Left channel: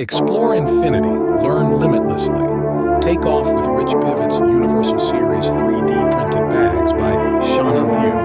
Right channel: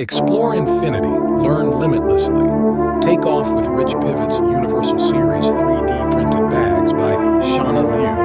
Explore infinity, learn limitlessly. Take off with RichPivot's Universal Series 3D printed bags by Shana Liu.